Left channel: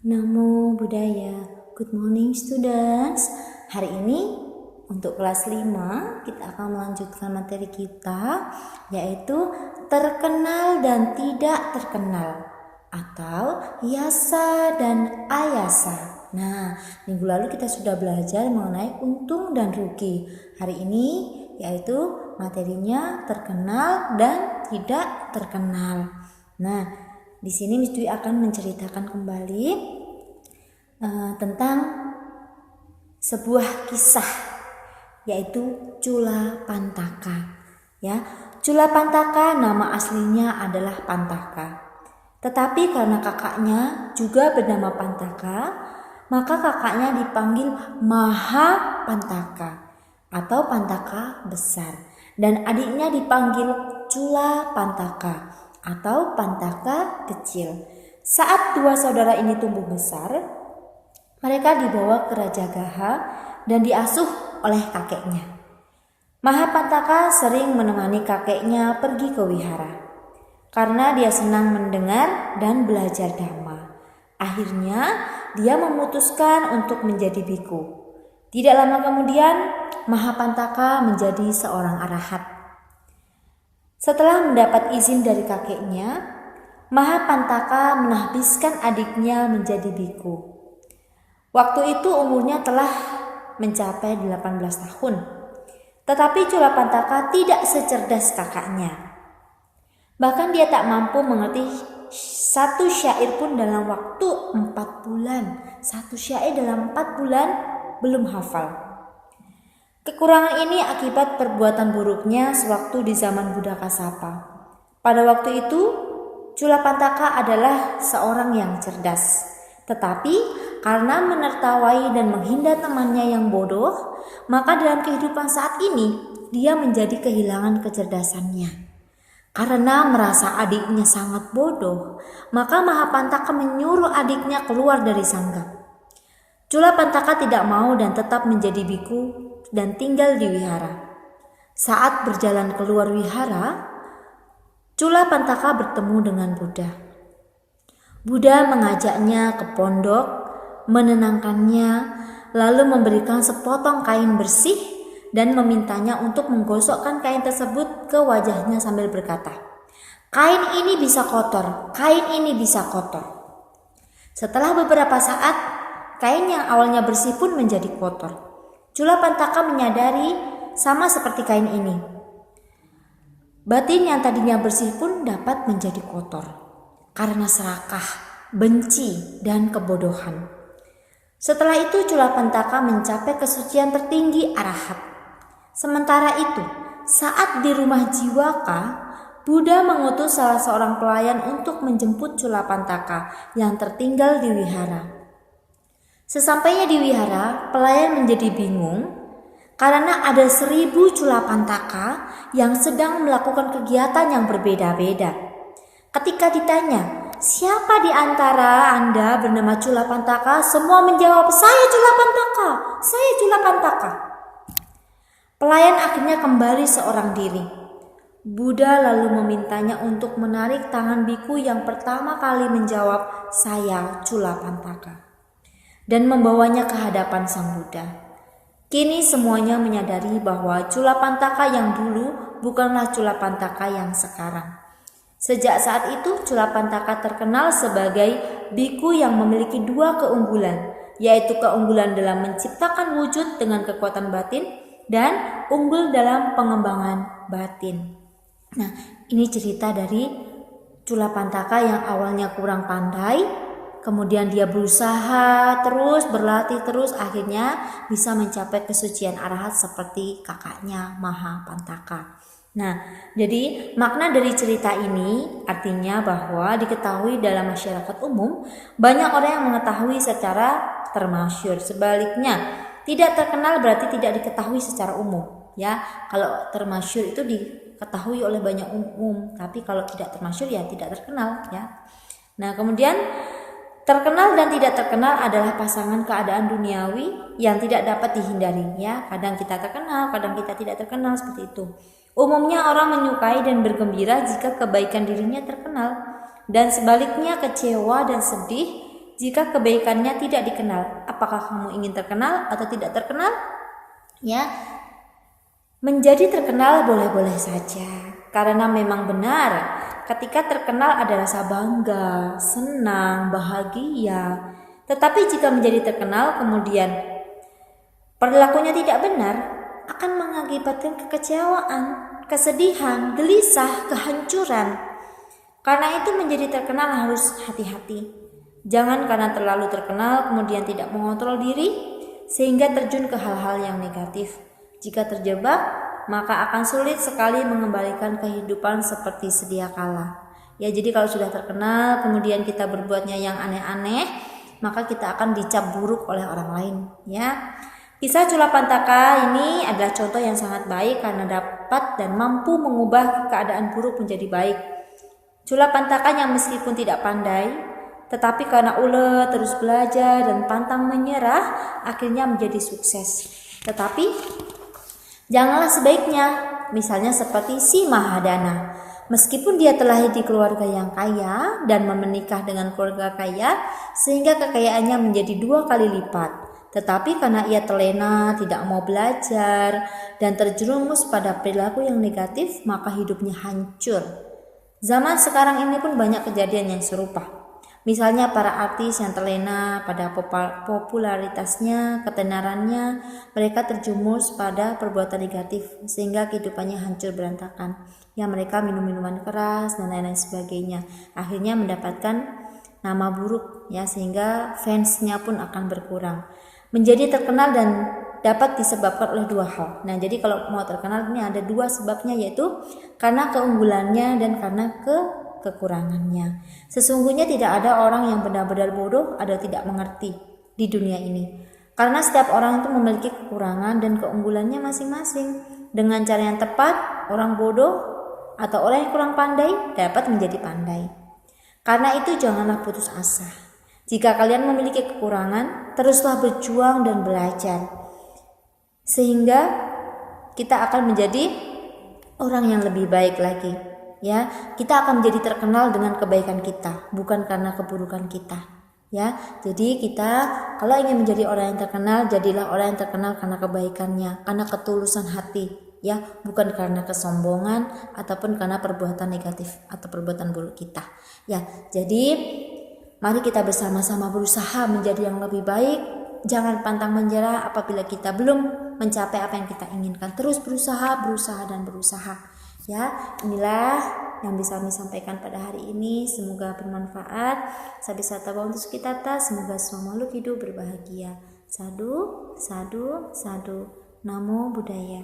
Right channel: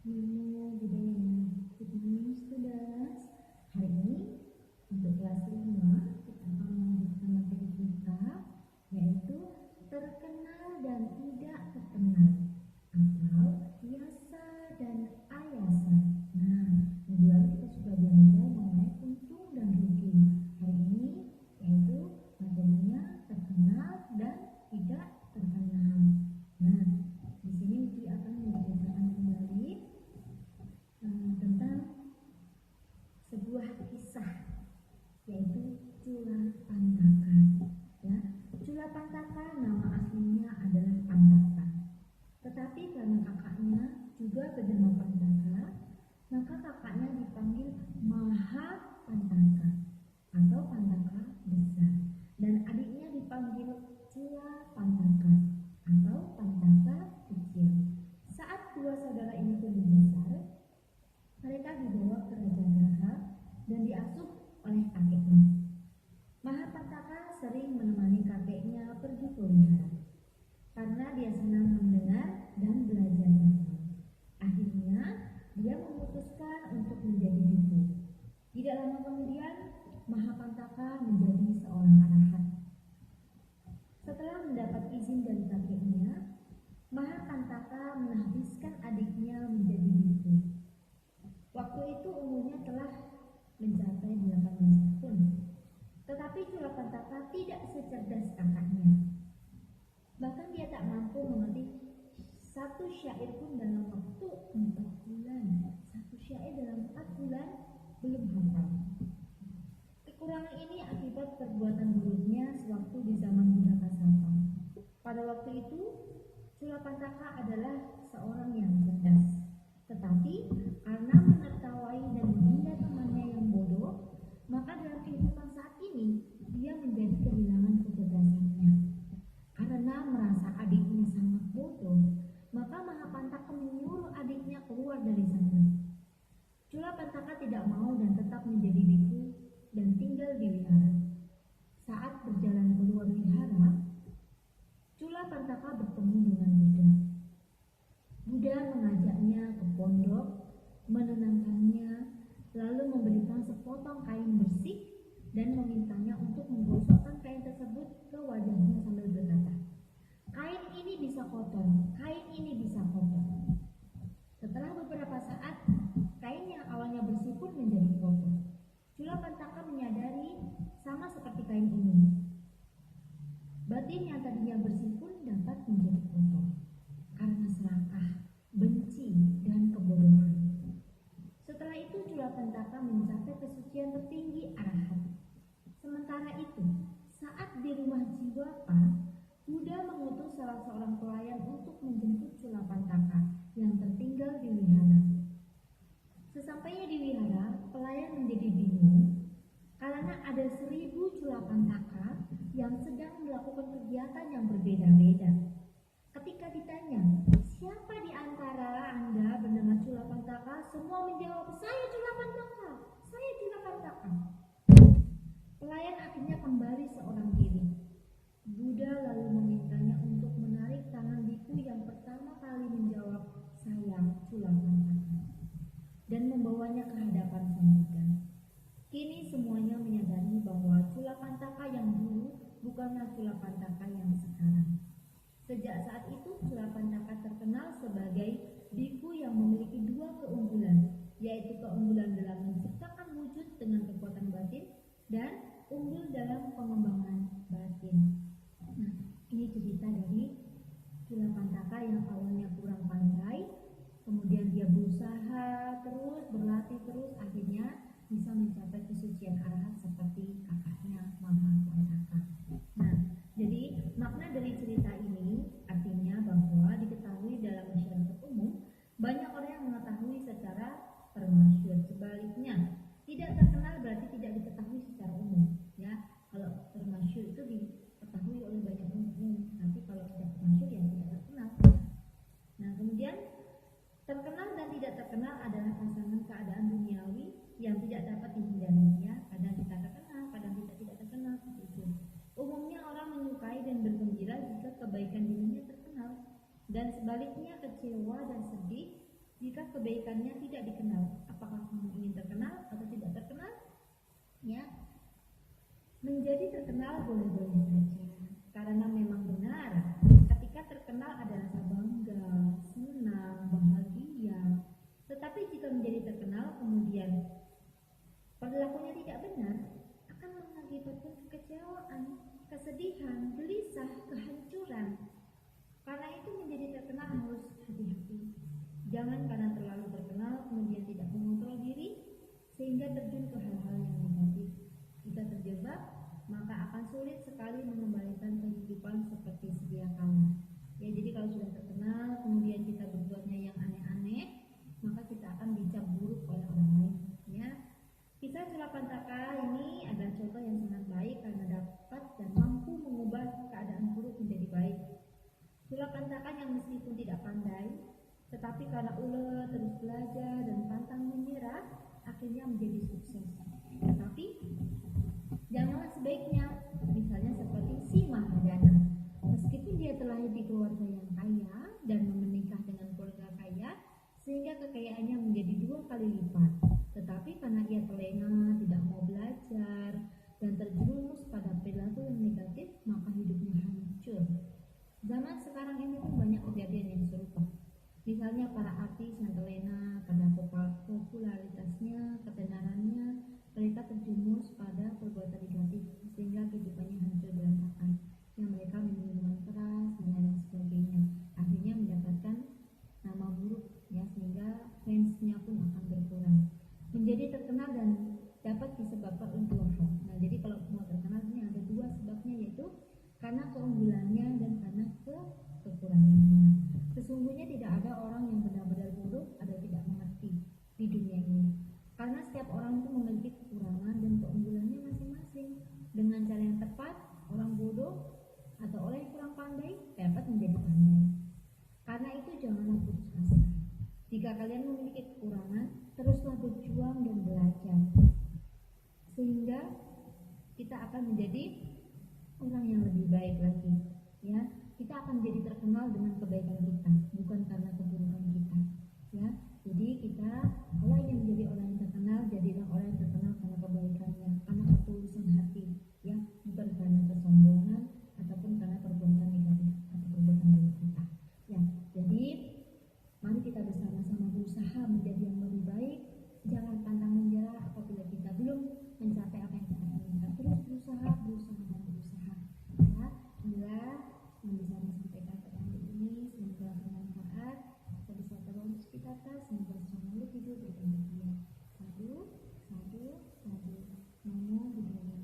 Namo Buddhaya. Good morning students. Hari ini untuk kelas 5 kita akan melanjutkan materi kita, yaitu terkenal dan tidak terkenal atau yasa dan ayasa. Nah, minggu lalu kita sudah belajar mengenai untung dan rugi. Hari ini yaitu materinya terkenal dan tidak terkenal. Nah, di sini Miss Dwi akan menceritakan kembali tentang sebuah kisah, yaitu Cula Pantaka. Ya, Cula Pantaka nama aslinya adalah Pantaka. Tetapi karena kakaknya juga bernama Pantaka, maka kakaknya dipanggil Maha Pantaka atau Pantaka besar, dan adiknya dipanggil Cula Pantaka atau Pantaka kecil. Saat dua saudara ini tumbuh besar, mereka dibawa ke Raja Gaha dan diasuh oleh kakeknya. Maha Pantaka sering menemani kakeknya pergi ke wihara karena dia senang mendengar dan belajar dhamma. Akhirnya dia memutuskan untuk menjadi biku. Tidak lama kemudian Maha Pantaka menjadi seorang arahat. Setelah mendapat izin dari kakeknya, Maha Pantaka menahbiskan adiknya menjadi biku. Waktu itu umurnya telah mencapai 18 tahun. Tetapi Cula Pantaka tidak secerdas kakaknya. Bahkan dia tak mampu mengerti satu syair pun dalam waktu 4 bulan. Satu syair dalam 4 bulan belum hafal. Kekurangan ini akibat perbuatan buruknya sewaktu di zaman Buddha Kasapa. Pada waktu itu, Cula Pantaka adalah seorang yang cerdas. Tetapi karena menertawai dan menghina temannya yang bodoh, maka dalam kehidupan saat ini dia menjadi kehilangan kecerdasannya. Karena merasa adiknya sangat bodoh, maka Maha Pantaka menyuruh adiknya keluar dari sangga. Cula Pantaka tidak mau dan tetap menjadi biku dan tinggal di wihara. Saat berjalan keluar wihara, Cula Pantaka bertemu dengan Buddha. Buddha mengajaknya ke pondok, menenangkannya, lalu memberikan sepotong kain bersih dan memintanya untuk menggosokkan kain tersebut ke wajahnya sambil berkata, "Kain ini bisa kotor, kain ini bisa kotor." Setelah beberapa saat, kain yang awalnya bersih pun menjadi kotor. Cula Pantaka menyadari sama seperti kain ini. Batin yang tadinya bersih pun dapat menjadi kotor karena serakah, benci, dan kebodohan. Setelah itu Cula Pantaka mencapai kesucian tertinggi arahat. Sementara itu, saat di rumah Jiwaka, Buddha mengutus salah seorang pelayan untuk menjemput Cula Pantaka yang tertinggal di wihara. Sesampainya di wihara, pelayan menjadi bingung karena ada 1000 Cula Pantaka yang sedang melakukan kegiatan yang berbeda-beda. Ketika ditanya, "Siapa di antara Anda bernama Cula Pantaka?" Semua menjawab, "Saya Cula Pantaka, saya Cula Pantaka." Pelayan akhirnya kembali seorang diri. Buddha lalu memintanya untuk menarik tangan biku yang pertama kali menjawab, "Saya Cula Pantaka," dan membawanya ke hadapan Sang Buddha. Kini semuanya menyadari bahwa Cula Pantaka yang dulu bukanlah Cula Pantaka yang sekarang. Sejak saat itu Cula Pantaka terkenal sebagai biku yang memiliki 2 keunggulan, yaitu keunggulan dalam menciptakan wujud dengan kekuatan batin dan unggul dalam pengembangan batin. Nah, ini cerita dari Cula Pantaka yang awalnya kurang pandai, kemudian dia berusaha terus, berlatih terus, akhirnya bisa mencapai kesucian arahat seperti kakaknya Maha Pantaka. Nah, jadi makna dari cerita ini artinya bahwa diketahui dalam masyarakat umum banyak orang yang mengetahui secara termasyhur. Sebaliknya, tidak terkenal berarti tidak diketahui secara umum. Ya, kalau termasyhur itu diketahui oleh banyak umum, tapi kalau tidak termasyhur ya tidak terkenal. Ya. Nah, kemudian terkenal dan tidak terkenal adalah pasangan keadaan duniawi yang tidak dapat dihindari, ya. Kadang kita terkenal, kadang kita tidak terkenal, seperti itu. Umumnya orang menyukai dan bergembira jika kebaikan dirinya terkenal, dan sebaliknya kecewa dan sedih jika kebaikannya tidak dikenal. Apakah kamu ingin terkenal atau tidak terkenal? Ya, menjadi terkenal boleh-boleh saja, karena memang benar ketika terkenal ada rasa bangga, senang, bahagia. Tetapi jika menjadi terkenal kemudian perilakunya tidak benar, akan mengakibatkan kekecewaan, kesedihan, gelisah, kehancuran. Karena itu menjadi terkenal harus hati-hati. Jangan karena terlalu terkenal kemudian tidak mengontrol diri sehingga terjun ke hal-hal yang negatif. Jika terjebak, maka akan sulit sekali mengembalikan kehidupan seperti sedia kala. Ya, jadi kalau sudah terkenal kemudian kita berbuatnya yang aneh-aneh, maka kita akan dicap buruk oleh orang lain, ya. Kisah Culapantaka ini adalah contoh yang sangat baik karena dapat dan mampu mengubah keadaan buruk menjadi baik. Culapantaka yang meskipun tidak pandai, tetapi karena ulet terus belajar dan pantang menyerah, akhirnya menjadi sukses. Tetapi janganlah sebaiknya, misalnya seperti si Mahadana. Meskipun dia terlahir di keluarga yang kaya dan menikah dengan keluarga kaya, sehingga kekayaannya menjadi 2 kali lipat. Tetapi karena ia terlena, tidak mau belajar, dan terjerumus pada perilaku yang negatif, maka hidupnya hancur. Zaman sekarang ini pun banyak kejadian yang serupa. Misalnya para artis yang terlena pada popularitasnya, ketenarannya, mereka terjumus pada perbuatan negatif sehingga kehidupannya hancur berantakan. Ya, mereka minum minuman keras dan lain-lain sebagainya. Akhirnya mendapatkan nama buruk, ya, sehingga fansnya pun akan berkurang. Menjadi terkenal dan dapat disebabkan oleh 2 hal. Nah, jadi kalau mau terkenal ini ada 2 sebabnya, yaitu karena keunggulannya dan karena kekurangannya. Sesungguhnya tidak ada orang yang benar-benar bodoh atau tidak mengerti di dunia ini. Karena setiap orang itu memiliki kekurangan dan keunggulannya masing-masing. Dengan cara yang tepat, orang bodoh atau orang yang kurang pandai dapat menjadi pandai. Karena itu janganlah putus asa. Jika kalian memiliki kekurangan, teruslah berjuang dan belajar. Sehingga kita akan menjadi orang yang lebih baik lagi, ya. Kita akan menjadi terkenal dengan kebaikan kita, bukan karena keburukan kita, ya. Jadi kita kalau ingin menjadi orang yang terkenal, jadilah orang yang terkenal karena kebaikannya, karena ketulusan hati, ya, bukan karena kesombongan ataupun karena perbuatan negatif atau perbuatan buruk kita, ya. Jadi mari kita bersama-sama berusaha menjadi yang lebih baik. Jangan pantang menyerah apabila kita belum mencapai apa yang kita inginkan. Terus berusaha dan berusaha. Ya, inilah yang bisa kami sampaikan pada hari ini. Semoga bermanfaat. Sabi satawa untuk kita. Semoga semua makhluk hidup berbahagia. Sadu, sadu, sadu. Namo Buddhaya.